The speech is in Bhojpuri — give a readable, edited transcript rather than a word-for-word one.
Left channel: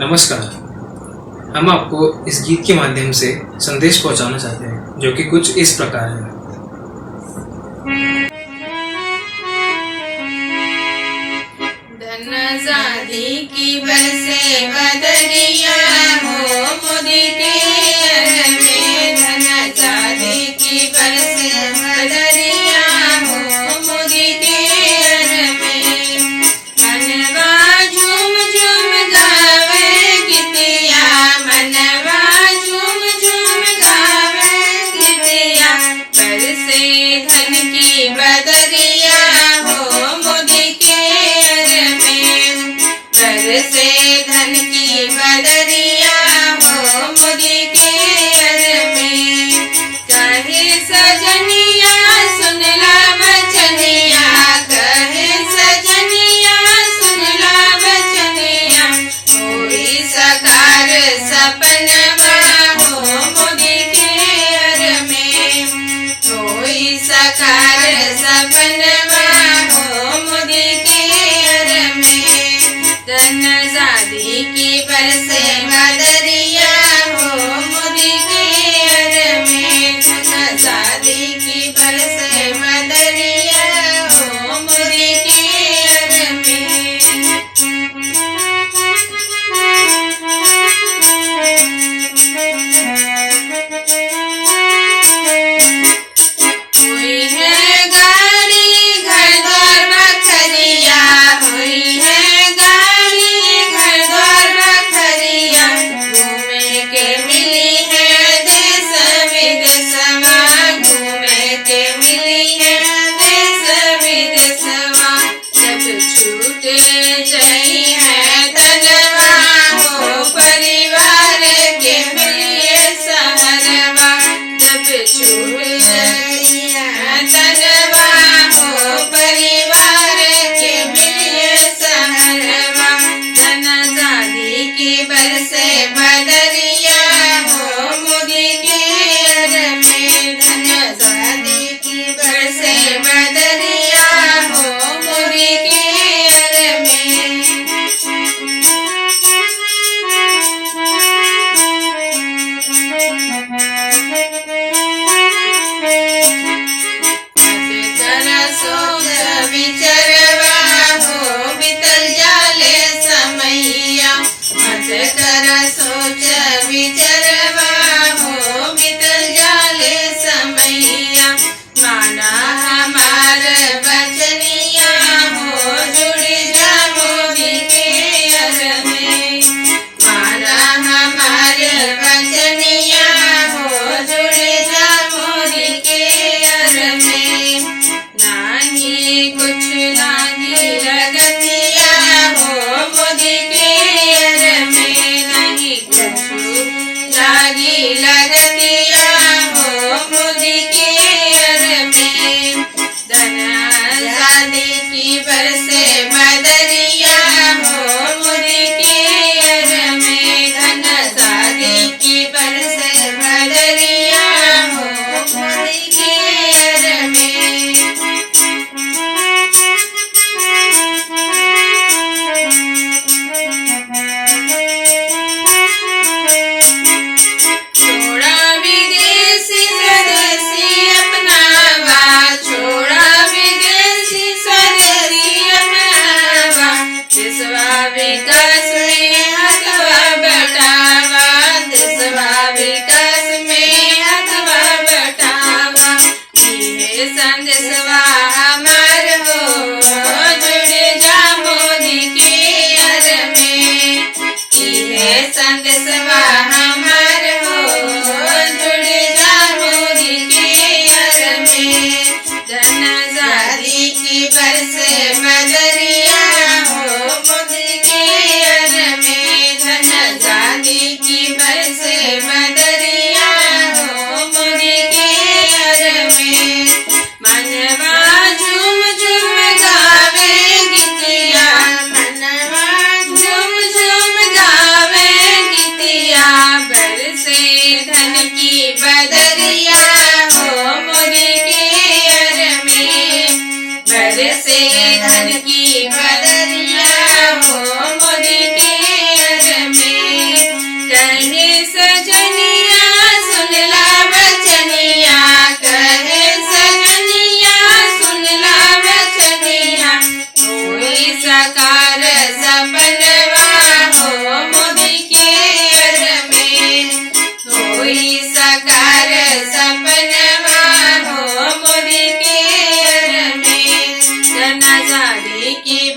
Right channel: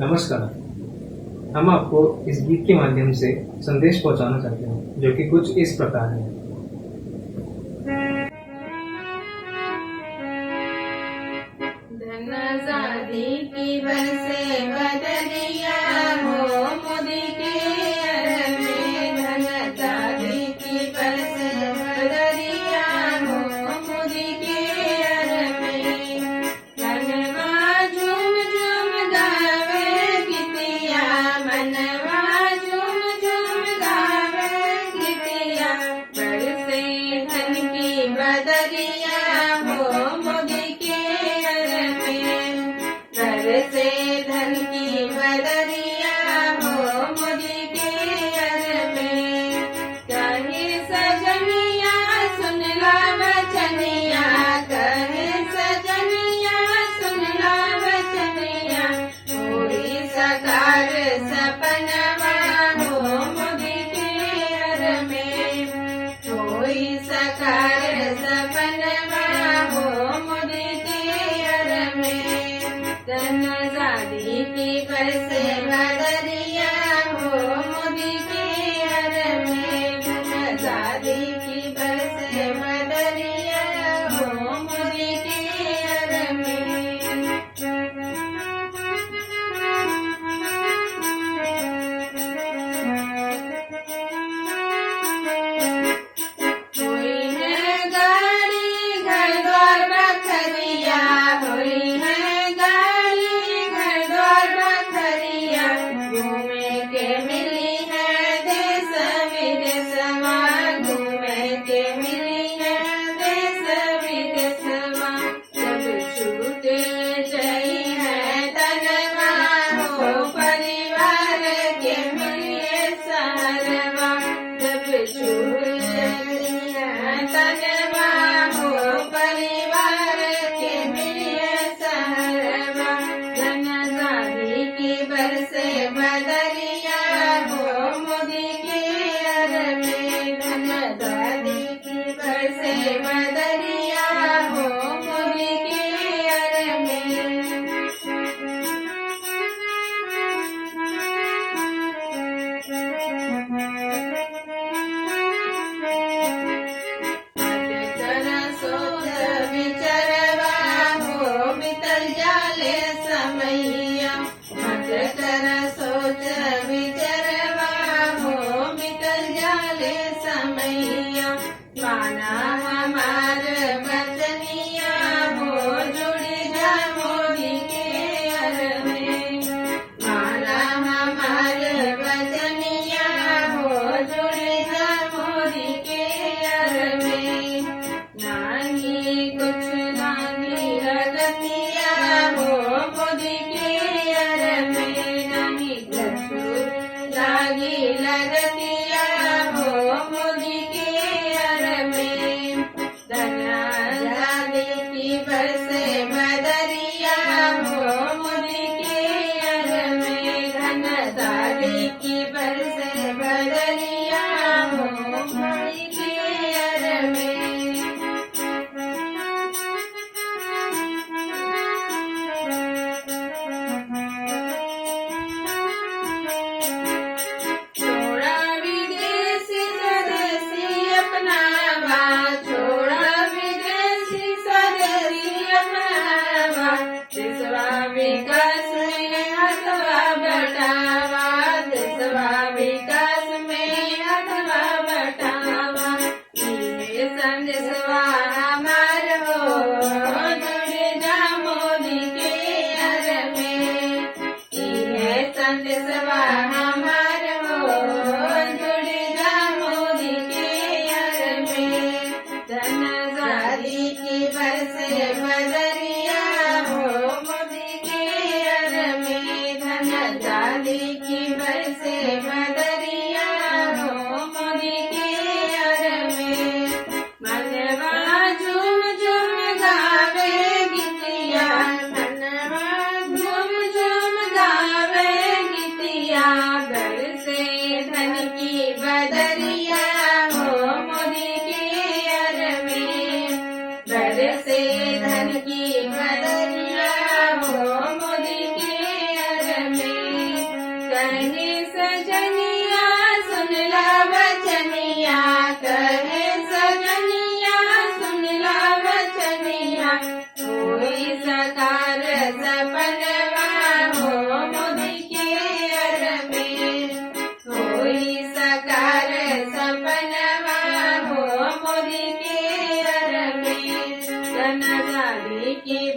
नमस्कार। हम आपको इस गीत के माध्यम से संदेश पहुंचाना चाहते हैं जो कि कुछ इस प्रकार है। धन आजादी की बरसे बदरिया हो मोदी के घर में। धन आजादी की बरसे बदरिया हो मोदी के घर में। मनवा झूम झूम गावे गीतिया, मनवा झूम झूम गावे गीतिया। बरसे धन की बदरिया हो मोदी के घर में। बरसे धन की बदरिया हो मोदी के घर में। कहे सजनिया सुन ला बचनिया, कहे सजनिया सुन ला बचनिया। होई साकार सपनवा हो मोदी के घर में। होई साकार सपनवा हो मोदी के घर में। धन आजादी की बरसे बदरिया हो मोदी के घर में। धन आजादी की बरसे बदरिया हो मोदी के घर में। हुई है गाड़ी घर द्वार बखरिया, हुई है गाड़ी घर द्वार बखरिया। घूमे के मिली है देश विदेशवा, घूमे के मिली है देश विदेशवा। जब छूटे जई है तनवा हो परिवार के मिलिए सहरवा। जब छूट जई है तनवा हो परिवार के मिलिए सहरवा। धन आजादी की बरसे बदरिया हो मोदी के घर में। धन आजादी की बरसे बदरिया हो मोदी के घर में। मत कर सोच विचरवा हो बीतल जाले समैया। मत कर सोच विचरवा हो बीतल जाले समैया। माना हमार बचनिया हो जुड़ जा मोदी के घर में। माना हमार बचनिया हो जुड़ जा मोदी के घर में। नाही कुछ लागी लगतिया हो मोदी के घर में। नहीं कुछ लागी लगतिया हो मोदी के घर में। धन आजादी की बरसे बदरिया हो मोदी के घर में। धन आजादी की बरसे बदरिया हो मोदी के घर में। छोड़ा विदेशी स्वदेशी अपनावा, छोड़ा विदेशी स्वदेशी अपनावा। देशवा विकास में हथवा बटावा, देशवा विकास में हथवा बटावा। ये संदेशवा हमार हो जुड़ जा मोदी के घर में। ये संदेशवा हमार हो जुड़ जा मोदी के घर में। धन आजादी की बरसे बदरिया हो मोदी के घर में। धन आजादी की बरसे बदरिया हो मोदी के घर में। मनवा झूम झूम गावे गीतिया, मनवा झूम झूम गावे गीतिया। शादी की